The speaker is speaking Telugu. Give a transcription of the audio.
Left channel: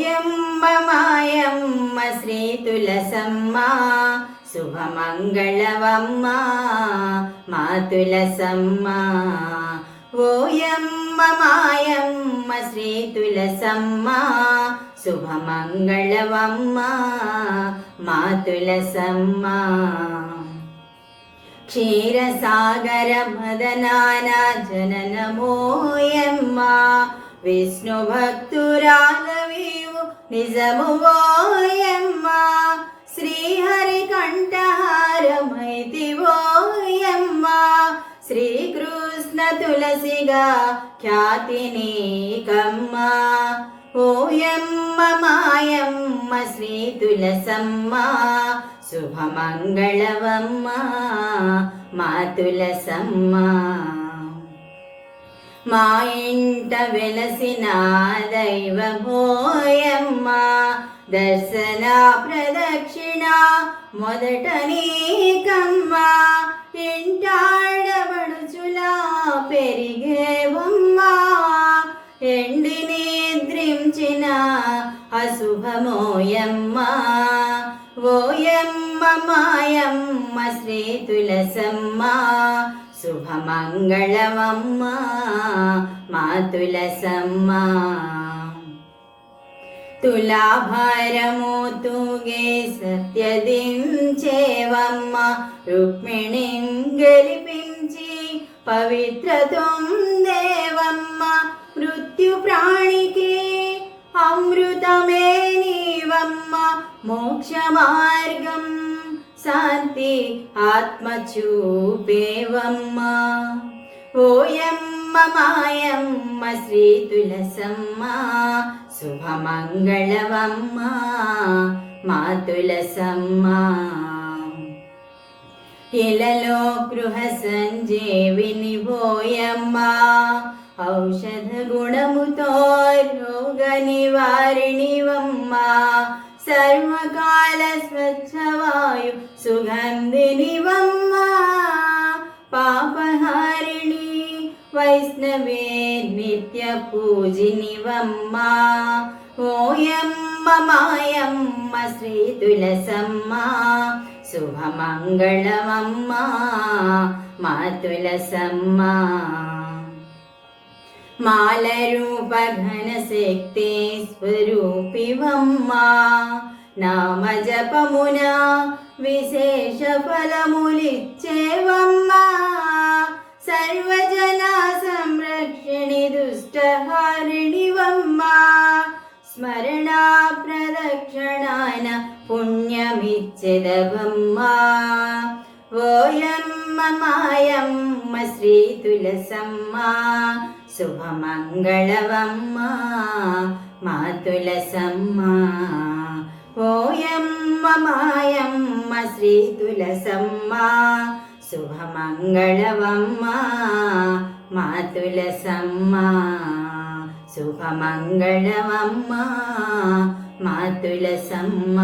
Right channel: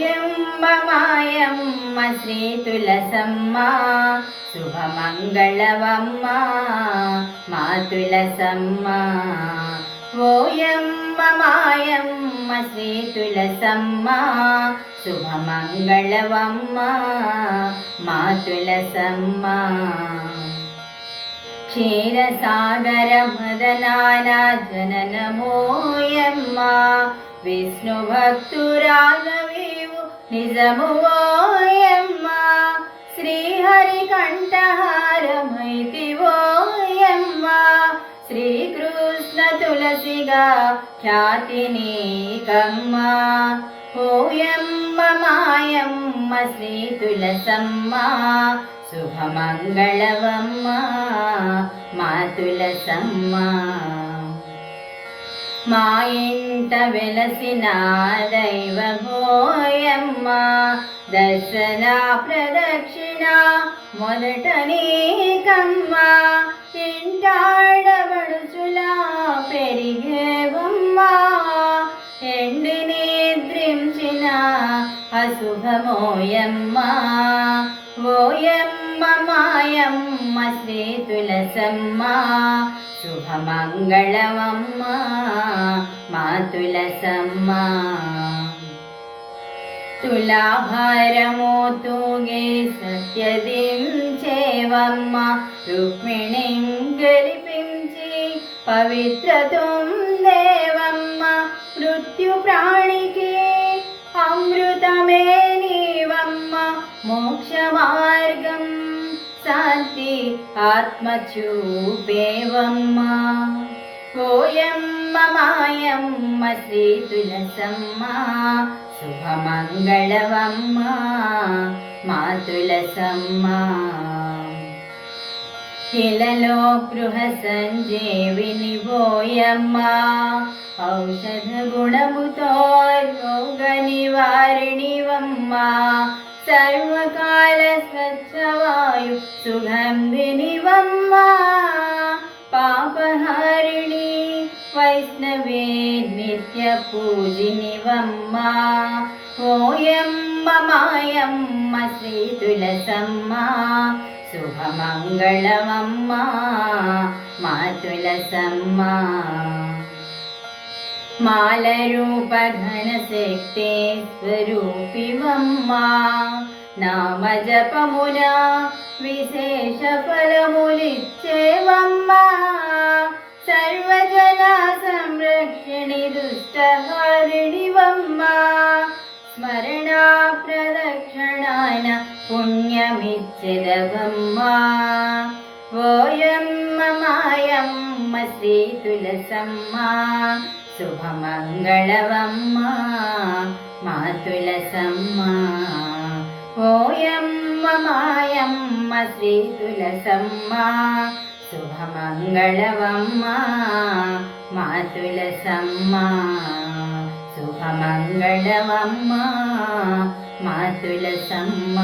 ఓయమ్మ మాయమ్మ శ్రీ తులసమ్మ శుభమంగళవమ్మ మా తులసమ్మ. ఓయమ్మ మాయమ్మ శ్రీ తులసమ్మ శుభమంగళవమ్మ మా తులసమ్మ. క్షీరసాగర మదనాన జననమోయమ్మ విష్ణు భక్తురాలవీవు నిజము ఓయమ్మ. శ్రీహరి కంఠహారమైతివోయమ్మ శ్రీకృష్ణ తులసిగా ఖ్యాతి నీకమ్మ. ఓయమ్మ మాయమ్మ శ్రీ తులసమ్మ శుభమంగళవమ్మ మా తులసమ్మ. మా ఇంట వెలసిన దైవమోయమ్మ దర్శన ప్రదక్షిణ మొదట నీకమ్మ. ఇంటాడబడుచులా పెరిగేవమ్మ ఎండి నిద్రించిన అశుభమోయమ్మ. ఓయమ్మ మాయమ్మ శ్రీ తులసమ్మ శుభమంగళవమ్మ మా తులసమ్మ. తులాభారము తూగే సత్యదించేవమ్మ రుక్మిణిం గెలిపించి పవిత్రతుందేవమ్మ. మృత్యు ప్రాణికి అమృతమే నీవమ్మ మోక్ష మార్గం శాంతి ఆత్మ చూపేవమ్మ. ఓయమ్మ మాయమ్మ శ్రీ తులసమ్మ శుభమంగళవమ్మ మా తులసమ్మ. ఇలలో గృహ సంజీవిని ఓయమ్మ ఔషధ గుణముతో రోగ నివారిణివమ్మ. సర్వకాల స్వచ్ఛవాయు సుగంధినివమ్మ పాపహారిణి వైష్ణవే నిత్య పూజినివమ్మ. ఓయమ్మ మాయమ్మ శ్రీ తులసమ్మ శుభమంగళవమ్మ మా తులసమ్మ. మాలరూప ఘనశక్తి స్వరూపివమ్మ నామ జపమున విశేష ఫలములిచ్చేవమ్మ. సర్వజన సంరక్షణి దుష్టహారిణివమ్మ స్మరణ ప్రదక్షిణాన పుణ్యమిచ్చెదవమ్మ. ఓయమ్మ మాయమ్మ శ్రీ తులసమ్మ శుభమంగళవమ్మ మా తులసమ్మ. ఓయమ్మ మాయమ్మ శ్రీ తులసమ్మ శుభమంగళవమ్మ మా తులసమ్మ. శుభమంగళవమ్మ మా తులసమ్మ.